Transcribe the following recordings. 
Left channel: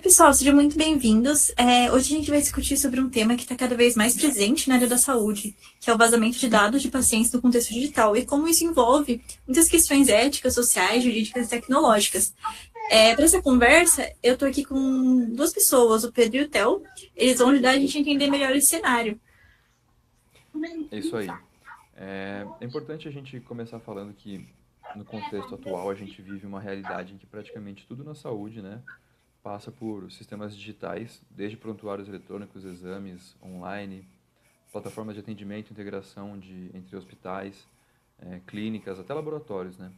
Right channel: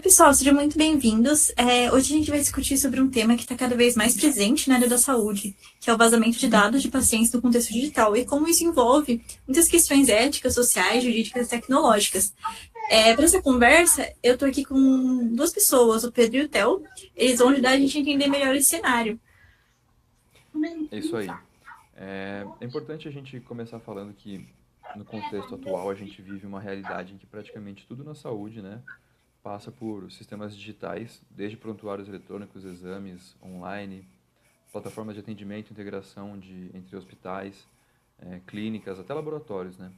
Oi, pessoal, sejam muito bem-vindos. Hoje a gente vai discutir sobre um tema que está cada vez mais presente na área da saúde, que é o vazamento de dados de pacientes no contexto digital e como isso envolve muitas questões éticas, sociais, jurídicas e tecnológicas. Para essa conversa, eu estou aqui com duas pessoas, o Pedro e o Theo. Eles vão ajudar a gente a entender melhor esse cenário. É isso aí. É importante a gente começar falando que, no contexto atual, a gente vive uma realidade em que praticamente tudo na saúde, né, passa por sistemas digitais, desde prontuários eletrônicos, exames online, plataformas de atendimento, integração entre hospitais, clínicas, até laboratórios, né?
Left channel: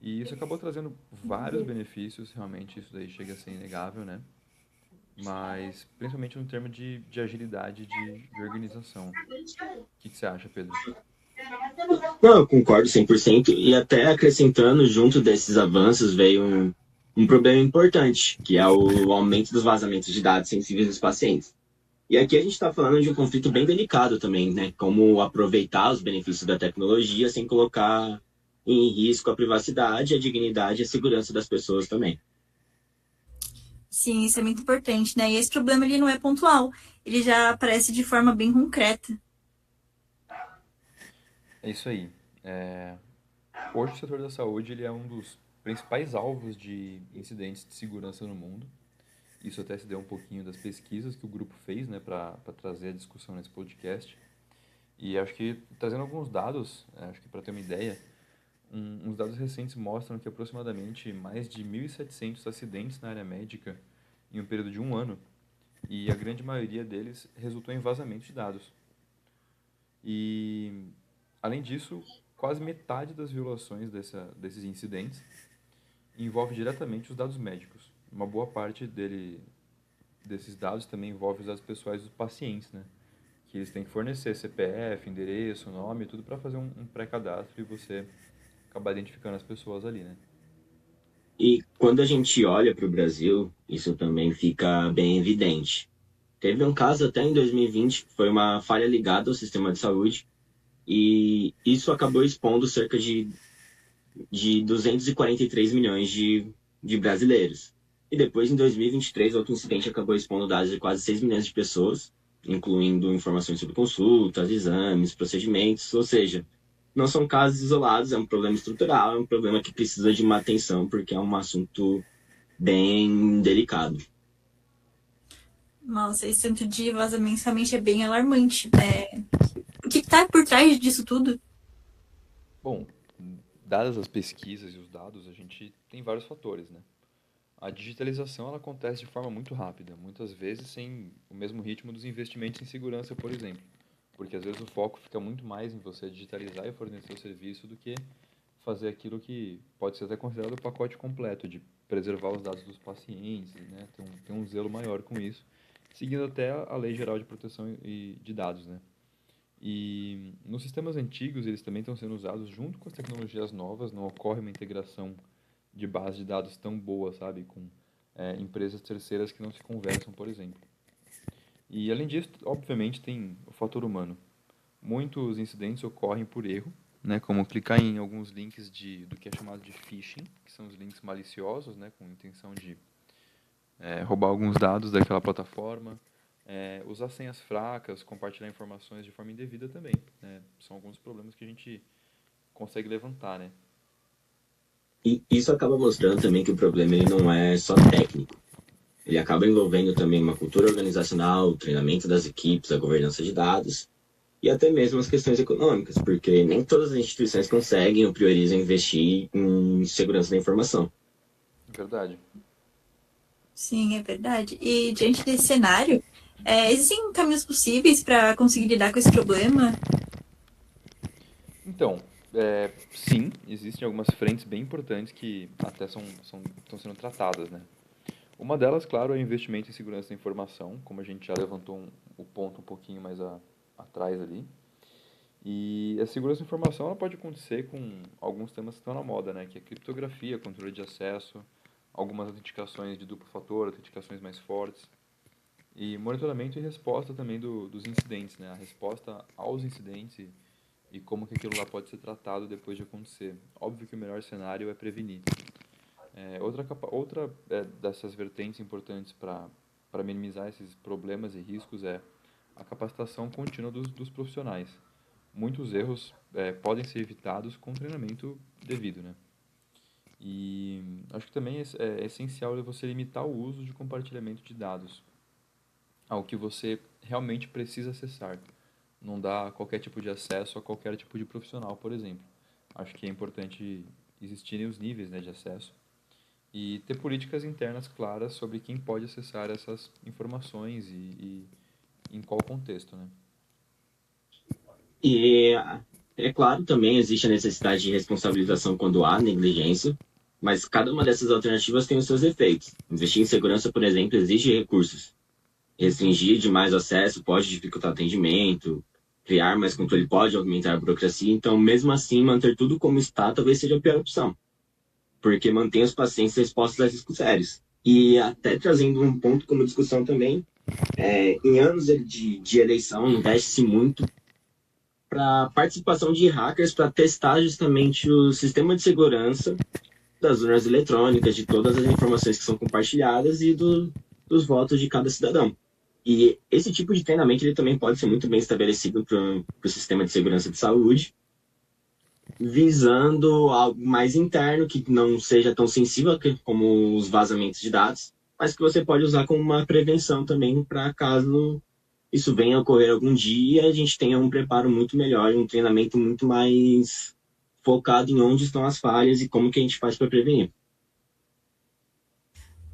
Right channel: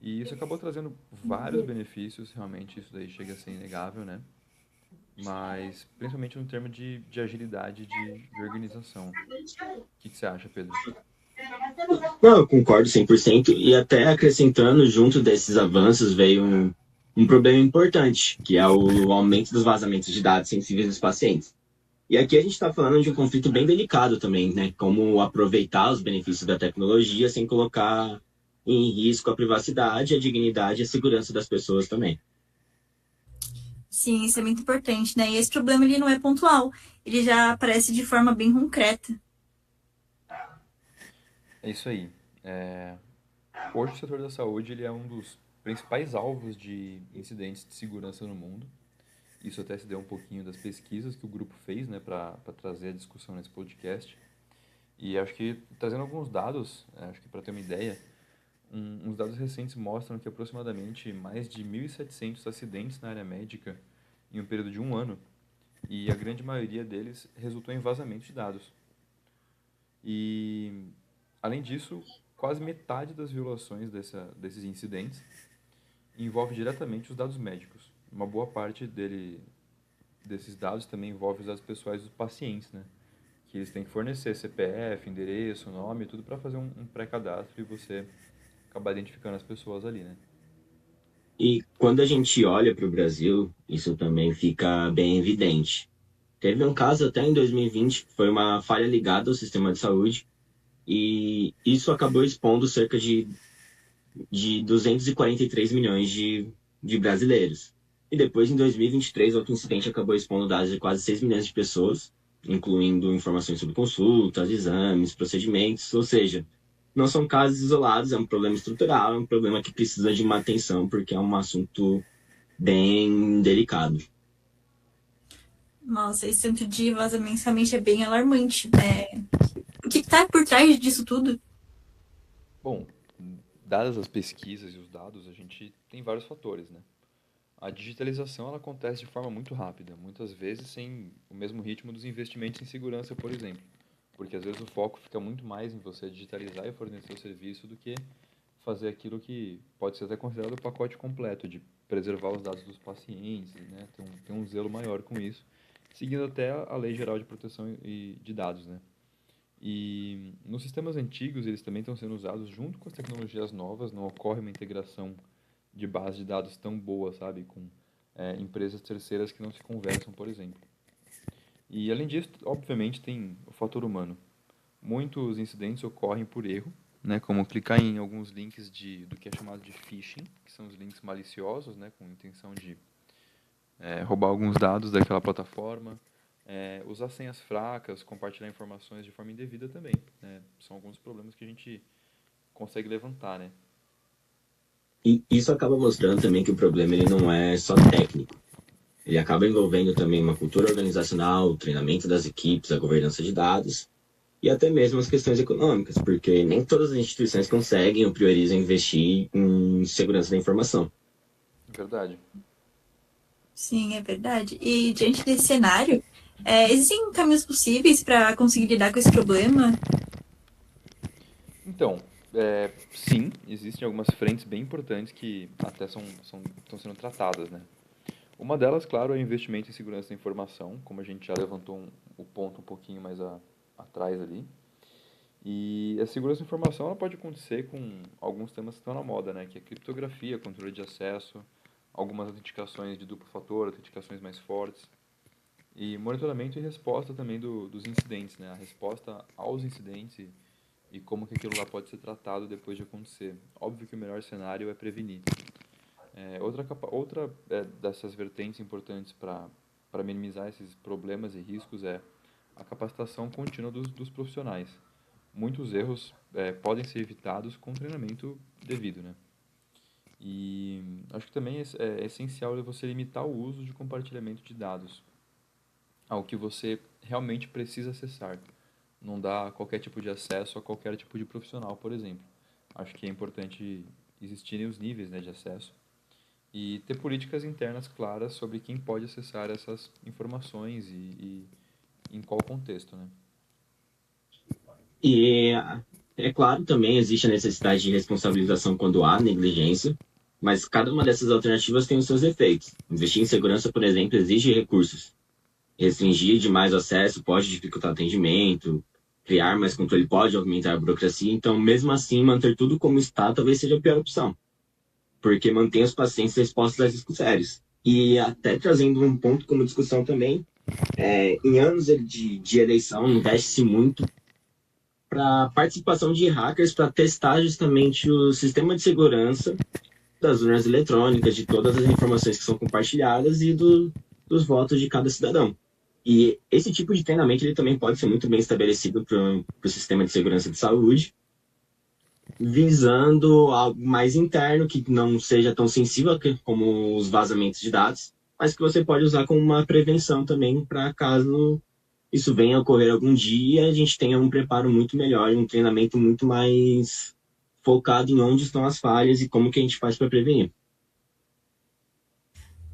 E isso acabou trazendo vários benefícios, realmente isso daí chega a ser inegável, né? Mas principalmente no termo de agilidade de organização. O que você acha, Pedro? Não, eu concordo 100%. E até acrescentando, junto desses avanços, veio um problema importante, que é o aumento dos vazamentos de dados sensíveis dos pacientes. E aqui a gente está falando de um conflito bem delicado também, né? Como aproveitar os benefícios da tecnologia sem colocar em risco a privacidade, a dignidade e a segurança das pessoas também. Sim, isso é muito importante, né? E esse problema ele não é pontual, ele já aparece de forma bem concreta. É isso aí. É, Hoje o setor da saúde ele é um dos principais alvos de incidentes de segurança no mundo. Isso até se deu um pouquinho das pesquisas que o grupo fez, né, para trazer a discussão nesse podcast. E acho que trazendo alguns dados, acho que para ter uma ideia, uns dados recentes mostram que aproximadamente mais de 1.700 acidentes na área médica em um período de um ano, e a grande maioria deles resultou em vazamento de dados. E, além disso, quase metade das violações desses incidentes envolve diretamente os dados médicos. Uma boa parte desses dados também envolve os dados pessoais dos pacientes, né? Que eles têm que fornecer CPF, endereço, nome, tudo para fazer um pré-cadastro e você acabar identificando as pessoas ali, né? E quando a gente olha para o Brasil, isso também fica bem evidente. Teve um caso até em 2020, que foi uma falha ligada ao sistema de saúde, e isso acabou expondo cerca de 243 milhões de brasileiros. E depois, em 2023, outro incidente acabou expondo dados de quase 6 milhões de pessoas, incluindo informações sobre consultas, exames, procedimentos, ou seja, não são casos isolados, é um problema estrutural, é um problema que precisa de uma atenção, porque é um assunto bem delicado. Nossa, esse tanto de vazamento realmente é bem alarmante. O que está por trás disso tudo? Bom, dadas as pesquisas e os dados, a gente tem vários fatores, né? A digitalização ela acontece de forma muito rápida, muitas vezes sem o mesmo ritmo dos investimentos em segurança, por exemplo. Porque às vezes o foco fica muito mais em você digitalizar e fornecer o serviço do que fazer aquilo que pode ser até considerado o pacote completo, de preservar os dados dos pacientes, né? Ter um zelo maior com isso, seguindo até a Lei Geral de Proteção de Dados, né? E nos sistemas antigos, eles também estão sendo usados junto com as tecnologias novas, não ocorre uma integração de base de dados tão boa, sabe, com empresas terceiras que não se conversam, por exemplo. E além disso, obviamente, tem o fator humano. Muitos incidentes ocorrem por erro, né, como clicar em alguns links do que é chamado de phishing, que são os links maliciosos, né, com intenção de roubar alguns dados daquela plataforma, usar senhas fracas, compartilhar informações de forma indevida também, né, são alguns problemas que a gente consegue levantar, né. E isso acaba mostrando também que o problema ele não é só técnico. Ele acaba envolvendo também uma cultura organizacional, o treinamento das equipes, a governança de dados e até mesmo as questões econômicas, porque nem todas as instituições conseguem ou priorizam investir em segurança da informação. Verdade. Sim, é verdade. E diante desse cenário, existem caminhos possíveis para conseguir lidar com esse problema? Então, sim, existem algumas frentes bem importantes que até estão sendo tratadas, né? Uma delas, claro, é o investimento em segurança da informação, como a gente já levantou o ponto um pouquinho mais atrás ali. E a segurança da informação ela pode acontecer com alguns temas que estão na moda, né? Que é criptografia, controle de acesso, algumas autenticações de duplo fator, autenticações mais fortes. E monitoramento e resposta também dos incidentes, né? A resposta aos incidentes e como que aquilo lá pode ser tratado depois de acontecer. Óbvio que o melhor cenário é prevenir. Outra dessas vertentes importantes para minimizar esses problemas e riscos é a capacitação contínua dos profissionais. Muitos erros podem ser evitados com treinamento devido, né? E acho que também é essencial você limitar o uso de compartilhamento de dados ao que você realmente precisa acessar. Não dar qualquer tipo de acesso a qualquer tipo de profissional, por exemplo. Acho que é importante existirem os níveis, né, de acesso e ter políticas internas claras sobre quem pode acessar essas informações e em qual contexto, né? E é claro, também existe a necessidade de responsabilização quando há negligência, mas cada uma dessas alternativas tem os seus efeitos. Investir em segurança, por exemplo, exige recursos. Restringir demais o acesso pode dificultar o atendimento, criar mais controle pode aumentar a burocracia, então, mesmo assim, manter tudo como está talvez seja a pior opção, porque mantém os pacientes expostos a riscos sérios. E até trazendo um ponto como discussão também, em anos de eleição, investe-se muito para participação de hackers para testar justamente o sistema de segurança das urnas eletrônicas, de todas as informações que são compartilhadas e dos votos de cada cidadão. E esse tipo de treinamento ele também pode ser muito bem estabelecido para o sistema de segurança de saúde, visando algo mais interno, que não seja tão sensível como os vazamentos de dados, mas que você pode usar como uma prevenção também para caso isso venha a ocorrer algum dia, a gente tenha um preparo muito melhor, um treinamento muito mais focado em onde estão as falhas e como que a gente faz para prevenir.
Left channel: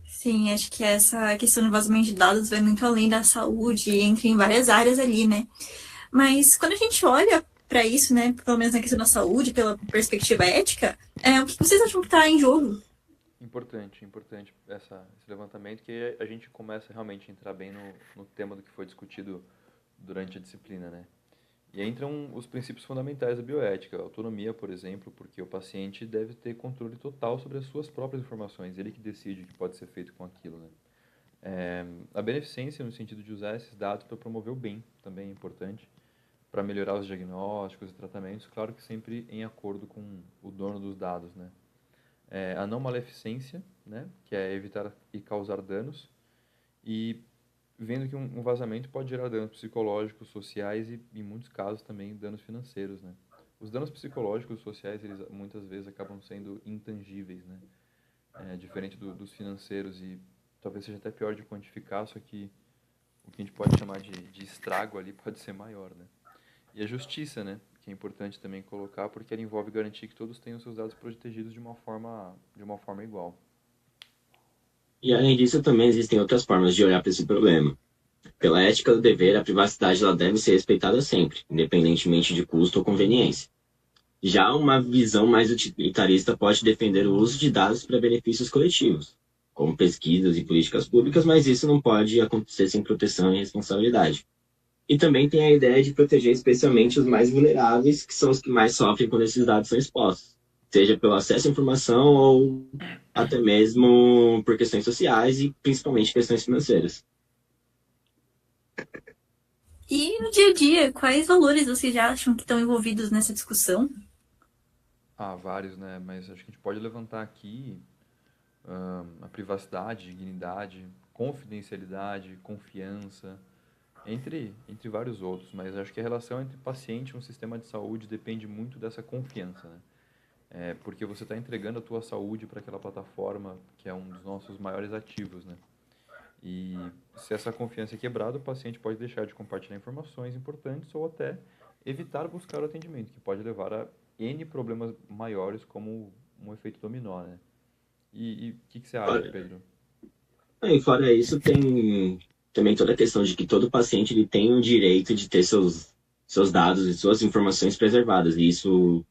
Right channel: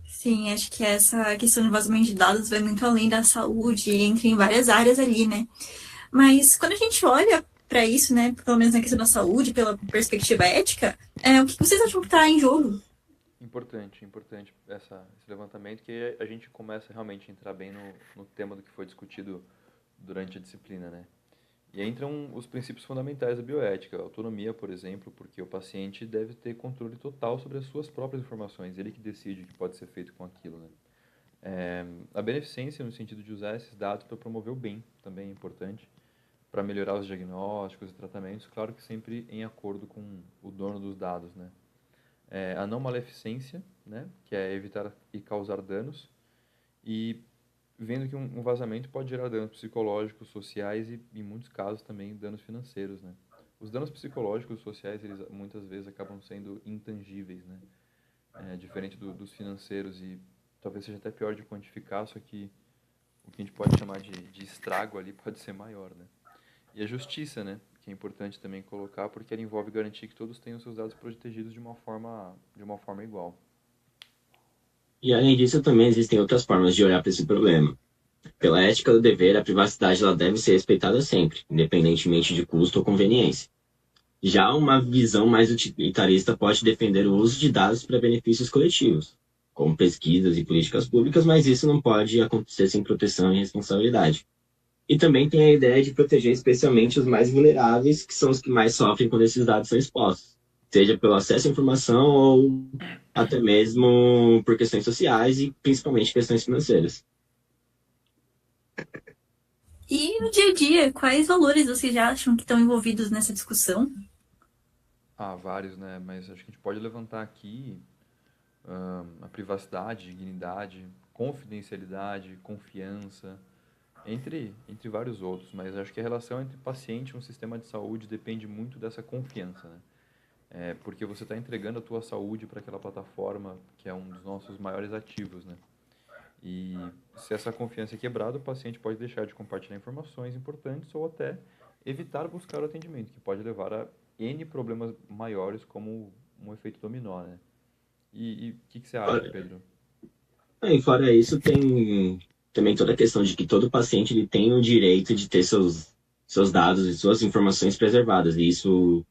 Sim, acho que essa questão do vazamento de dados vai muito além da saúde, entra em várias áreas ali, né? Mas quando a gente olha para isso, né, pelo menos na questão da saúde, pela perspectiva ética, o que vocês acham que está em jogo? Importante esse levantamento, que a gente começa realmente a entrar bem no tema do que foi discutido durante a disciplina, né? E entram os princípios fundamentais da bioética, a autonomia, por exemplo, porque o paciente deve ter controle total sobre as suas próprias informações, ele que decide o que pode ser feito com aquilo, né? A beneficência no sentido de usar esses dados para promover o bem também é importante, para melhorar os diagnósticos e tratamentos, claro que sempre em acordo com o dono dos dados, né? A não maleficência, né, que é evitar e causar danos, e vendo que um vazamento pode gerar danos psicológicos, sociais e, em muitos casos, também danos financeiros, né? Os danos psicológicos e sociais, eles muitas vezes acabam sendo intangíveis, né? Diferente dos financeiros e talvez seja até pior de quantificar, só que o que a gente pode chamar de estrago ali pode ser maior, né? E a justiça, né? Que é importante também colocar, porque ela envolve garantir que todos tenham seus dados protegidos de uma forma igual. E além disso, também existem outras formas de olhar para esse problema. Pela ética do dever, a privacidade ela deve ser respeitada sempre, independentemente de custo ou conveniência. Já uma visão mais utilitarista pode defender o uso de dados para benefícios coletivos, como pesquisas e políticas públicas, mas isso não pode acontecer sem proteção e responsabilidade. E também tem a ideia de proteger especialmente os mais vulneráveis, que são os que mais sofrem quando esses dados são expostos, seja pelo acesso à informação ou até mesmo por questões sociais e principalmente questões financeiras. E no dia a dia, quais valores vocês já acham que estão envolvidos nessa discussão? Vários, né? Mas acho que a gente pode levantar aqui a privacidade, dignidade, confidencialidade, confiança, entre vários outros. Mas acho que a relação entre paciente e um sistema de saúde depende muito dessa confiança, né? Porque você está entregando a tua saúde para aquela plataforma que é um dos nossos maiores ativos, né? E se essa confiança é quebrada, o paciente pode deixar de compartilhar informações importantes ou até evitar buscar o atendimento, que pode levar a N problemas maiores, como um efeito dominó, né? E o que você acha, Pedro? E fora isso, tem também toda a questão de que todo paciente ele tem o direito de ter seus dados e suas informações preservadas. E isso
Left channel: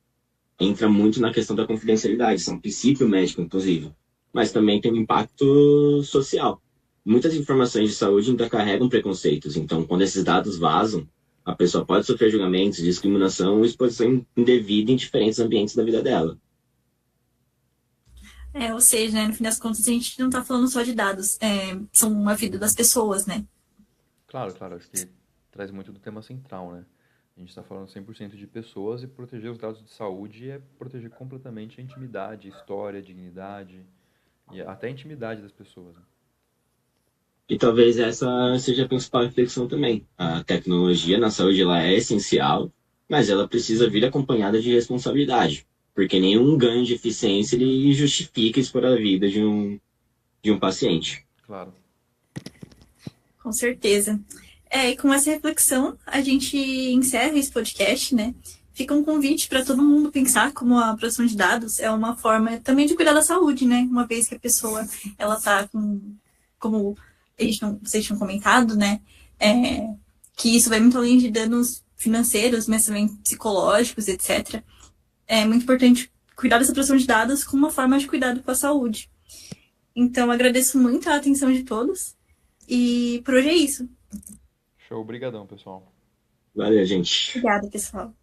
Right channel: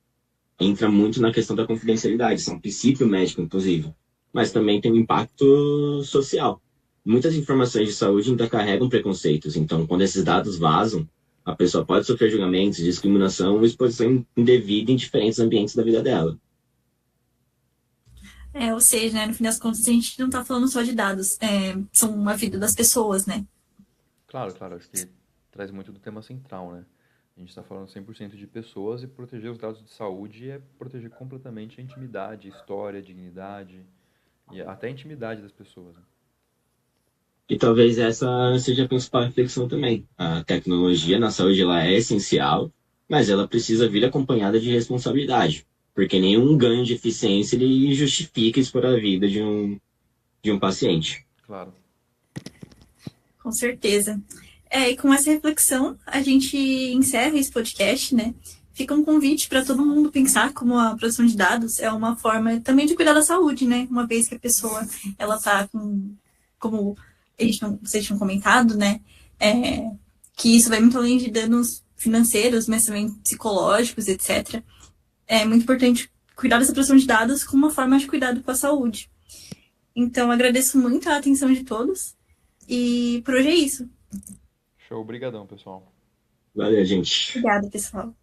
entra muito na questão da confidencialidade, isso é um princípio médico, inclusive. Mas também tem um impacto social. Muitas informações de saúde ainda carregam preconceitos, então quando esses dados vazam, a pessoa pode sofrer julgamentos, discriminação ou exposição indevida em diferentes ambientes da vida dela. Ou seja, né, no fim das contas, a gente não está falando só de dados, são a vida das pessoas, né? Claro, claro, acho que traz muito do tema central, né? A gente está falando 100% de pessoas e proteger os dados de saúde é proteger completamente a intimidade, a história, a dignidade, e até a intimidade das pessoas, né? E talvez essa seja a principal reflexão também. A tecnologia na saúde ela é essencial, mas ela precisa vir acompanhada de responsabilidade, porque nenhum ganho de eficiência ele justifica expor a vida de um paciente. Claro. Com certeza. E com essa reflexão, a gente encerra esse podcast, né? Fica um convite para todo mundo pensar como a produção de dados é uma forma também de cuidar da saúde, né? Uma vez que a pessoa, ela tá com, como vocês tinham comentado, né? Que isso vai muito além de danos financeiros, mas também psicológicos, etc. É muito importante cuidar dessa produção de dados como uma forma de cuidado com a saúde. Então, agradeço muito a atenção de todos. E por hoje é isso. Show, obrigadão, pessoal. Valeu, gente. Obrigada, pessoal.